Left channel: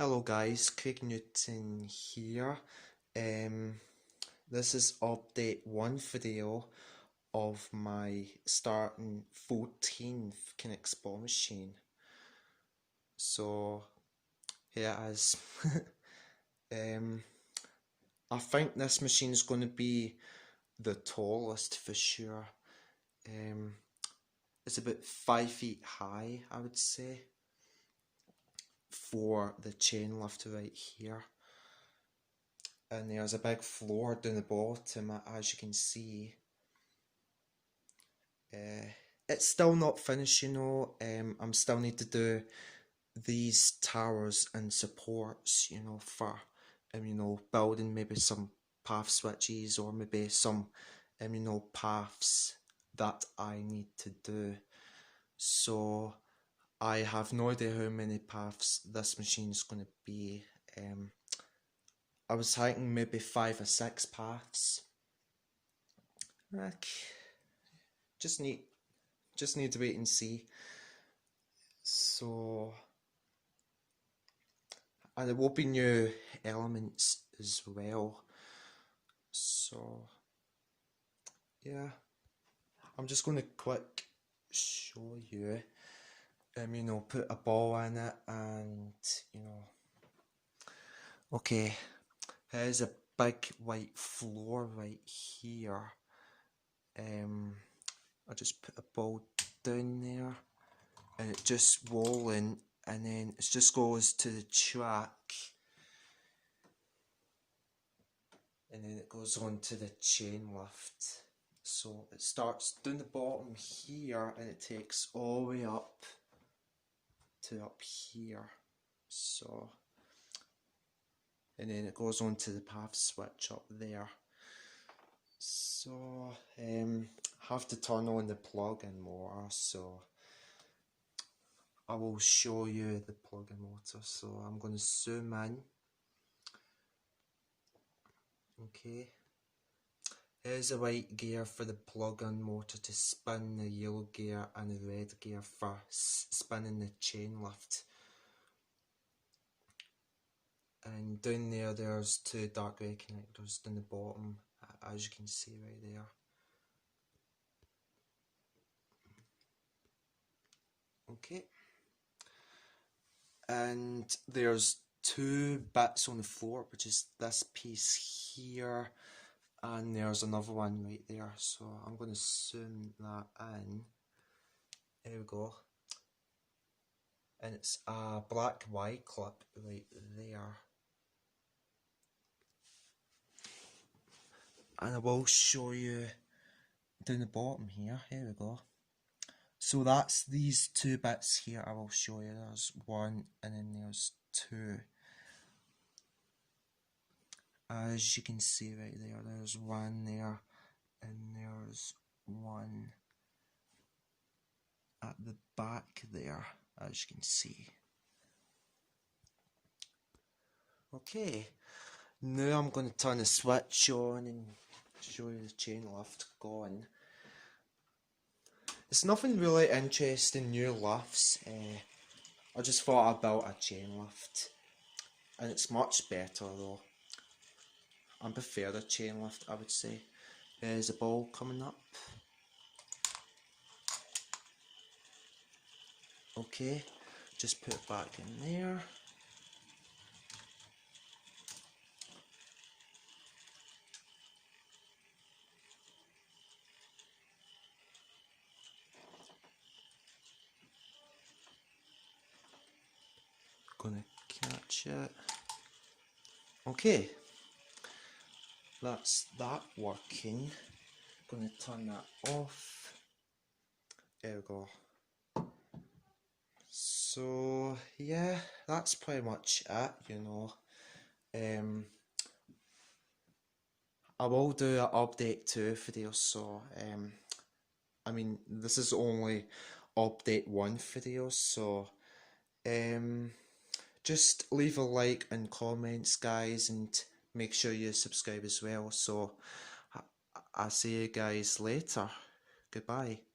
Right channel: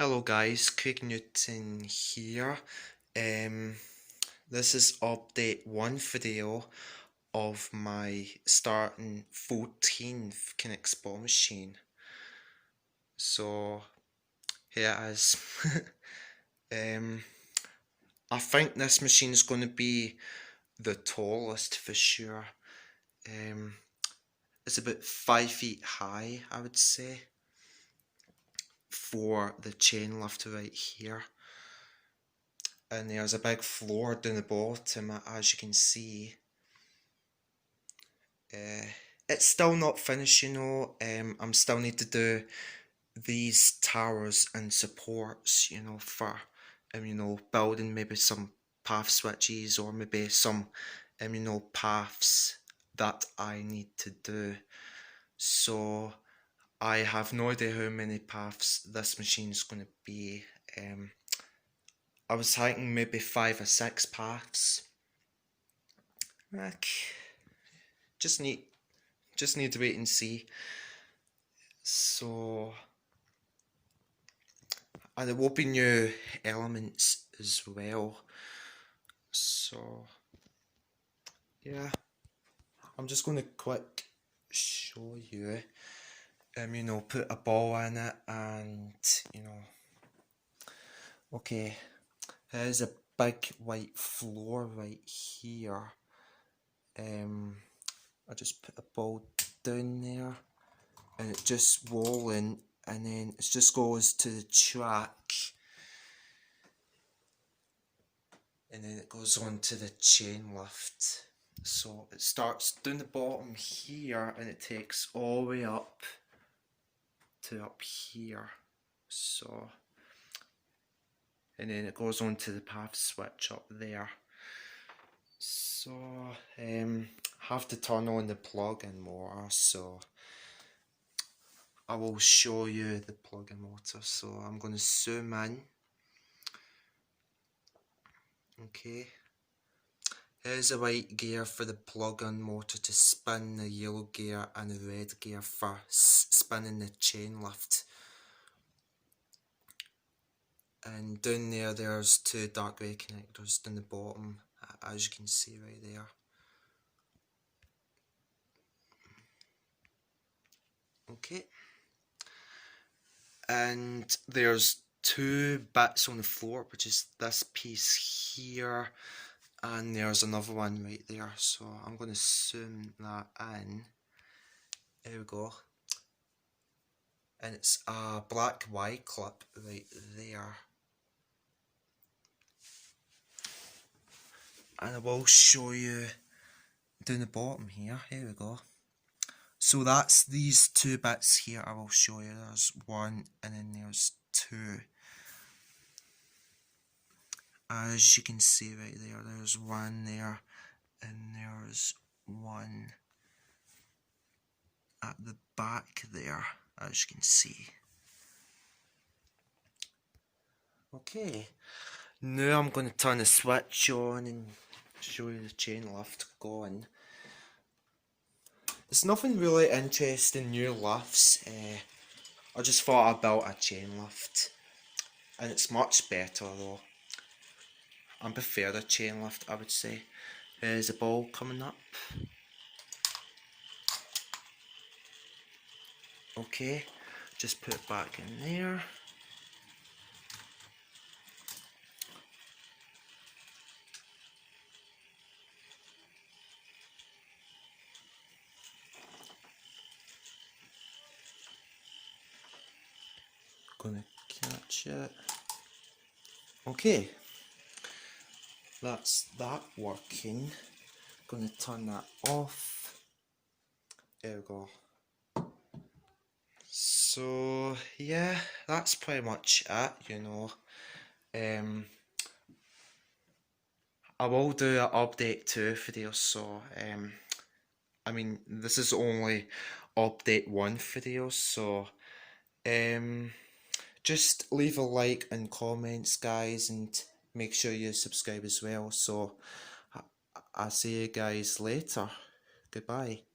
Hello guys, Craig Newton here. This is update 1 video of my starting 14th Knex ball machine. So here it is. I think this machine is going to be the tallest for sure. It's about 5 feet high, I would say, for the chain lift right here. And there's a big floor down the bottom, as you can see. It's still not finished, you know. I'm still need to do these towers and supports, you know, for building maybe some path switches or maybe some paths that I need to do. So I have no idea how many paths this machine is going to be. I was thinking maybe 5 or 6 paths. Just need to wait and see. So, and there will be new elements as well. So, yeah, I'm just going to quick show you. Put a ball in it, and okay. There's a big white floor right here. I just put a ball down there and it just rolling, and then it just goes to the track, and then it goes on to the chain lift. So it starts down the bottom here and it takes all the way up to up here. So, and then it goes on to the path switch up there. So have to turn on the plug-in motor, so I will show you the plug-in motor. So I'm going to zoom in. Okay, here's a white gear for the plug-in motor to spin, the yellow gear and the red gear for spinning the chain lift. And down there, there's 2 dark grey connectors down the bottom, as you can see right there. Okay. And there's 2 bits on the floor, which is this piece here, and there's another one right there. So I'm going to zoom that in. There we go. And it's a black Y clip right there. And I will show you down the bottom here. Here we go. So that's these 2 bits here. I will show you. There's 1 and then there's 2. As you can see right there, there's 1 there and there's 1 at the back there, as you can see. Okay, now I'm going to turn the switch on and show you the chain lift going. There's nothing really interesting new lifts. I just thought I built a chain lift, and it's much better though. I prefer the chain lift, I would say. There's a ball coming up. Okay, just put it back in there. Gonna catch it. Okay, that's that working. Gonna turn that off. There we go. So yeah, that's pretty much it, you know. I will do an update 2 video, so this is only update 1 video, so just leave a like and comments, guys, and make sure you subscribe as well. So I'll see you guys later. Goodbye.